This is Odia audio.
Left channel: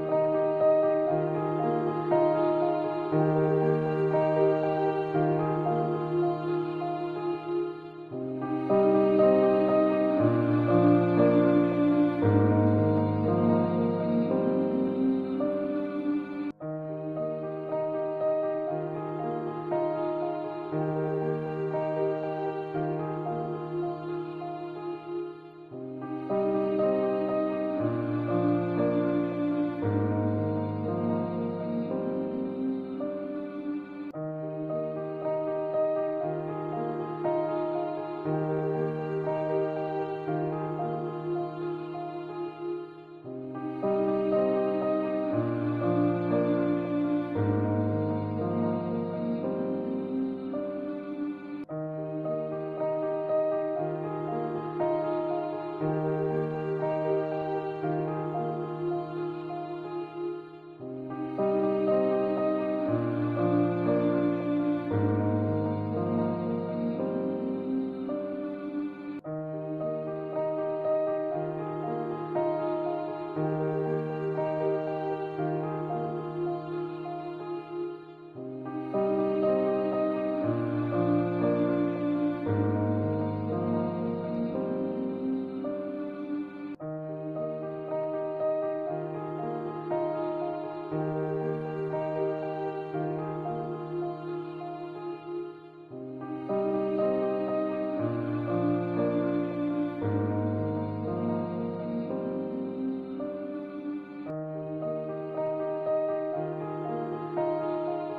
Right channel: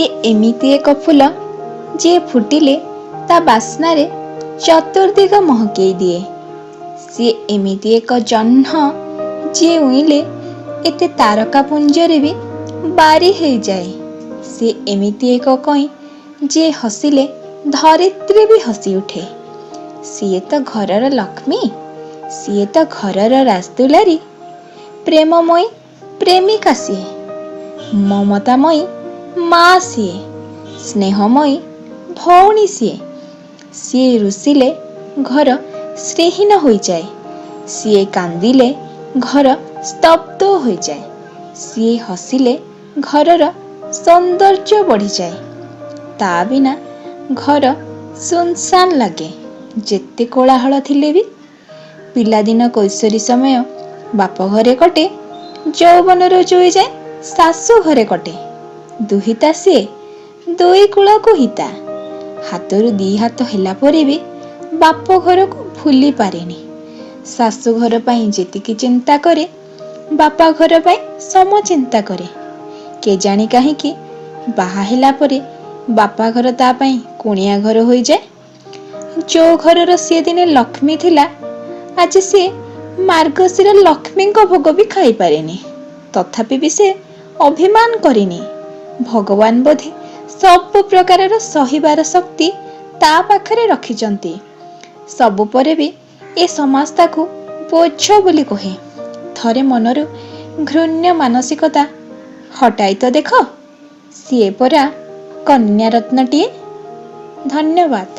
ସିଏ ଏମିତି ଏକ ଫୁଲ ଯିଏ ଫୁଟିଲେ ତା ବାସ୍ନାରେ ଚତୁର୍ଦିଗ ମହକେଇ ଦିଏ। ସିଏ ଏମିତି ଏକ ଜହ୍ନ ଯିଏ ଉଇଁଲେ ଏତେ ତାରକା ପୁଞ୍ଜରେ ବି ବାରି ହେଇଯାଏ। ସିଏ ଏମିତି ଏକ କଇଁ ଯିଏ ହସିଲେ ଧରିତ୍ରୀ ବି ହସି ଉଠେ। ସିଏ ତ ଘରର ଲକ୍ଷ୍ମୀ, ସିଏ ତ ଘରର ରାଜଦୁଲାରୀ। ପ୍ରେମମୟୀ ପ୍ରେମିକା ସିଏ, ମମତାମୟୀ ମା ସିଏ, ସ୍ନେହମୟୀ ଭଉଣୀ ସିଏ। ସିଏ ରୁଷିଲେ ଘର ଶ୍ରୀହୀନ ହୋଇଯାଏ, ସିଏ କାନ୍ଦିଲେ ଘର ସ୍ତବ୍ଧ ହୋଇଯାଏ, ସିଏ ହସିଲେ ଘରର ସୌନ୍ଦର୍ଯ୍ୟ ବଢ଼ିଯାଏ। ତା ବିନା ଘର ସୁନସାନ ଲାଗେ ଯେତେ କୋଳାହଳ ଥିଲେ ବି। ପିଲାଦିନ କୈଶୋରୀ ସମୟ ବାପ ଘରେ କଟେ, ଯୌବନର ଜୁଇ ଯାଏ ଶାଶୁ ଘରେ କଟେ। ଦୁହିତା ସିଏ ଦୁଇ କୂଳକୁ ହିତା, ହାତରୁ ଦି ହାତ ହେଲା ପରେ ବି ବାପ ଘରକୁ ଭୁଲି ପାରେନି। ଶାଶୁ ଘର ପାଇଁ ଯେତିକି ଚିନ୍ତା କରେ ବାପା ଘର ପାଇଁ ସମ ଚିନ୍ତା କରେ। କେଜାଣି କାହିଁକି ବାହା ହେଲା ପରେ ବାପା ଘର ତା ପାଇଁ କୁଣିଆ ଘର ହୋଇଯାଏ। ଯୋଉ ଘରର ସିଏ ଦିନେ ଲକ୍ଷ୍ମୀ ଥିଲା, ଆଜି ସିଏ ମାର୍ଗଶିର ଲକ୍ଷ୍ମୀଙ୍କ ଭୋଗ ବି ଖାଇପାରେନି। ତଥାପି ବି ସେ ଅଭିମାନ କରିନି। ଭଗବାନ ବୋଧେ ସବୁ ପ୍ରକାରର ସହିବାର ଶକ୍ତି ତା ପାଖରେ ରଖିଛନ୍ତି। ସବୁ ପରେ ବି ଏ ସମାଜ ତାକୁ ବୋଝ ବୋଲି କହେ। ଥରେ ମନରୁ ଘୃଣ୍ୟ ମାନସିକତା ହଟାଇ ତ ଦେଖ, ସିଏ ପରା କନ୍ୟାରତ୍ନଟିଏ। ଧନ୍ୟବାଦ।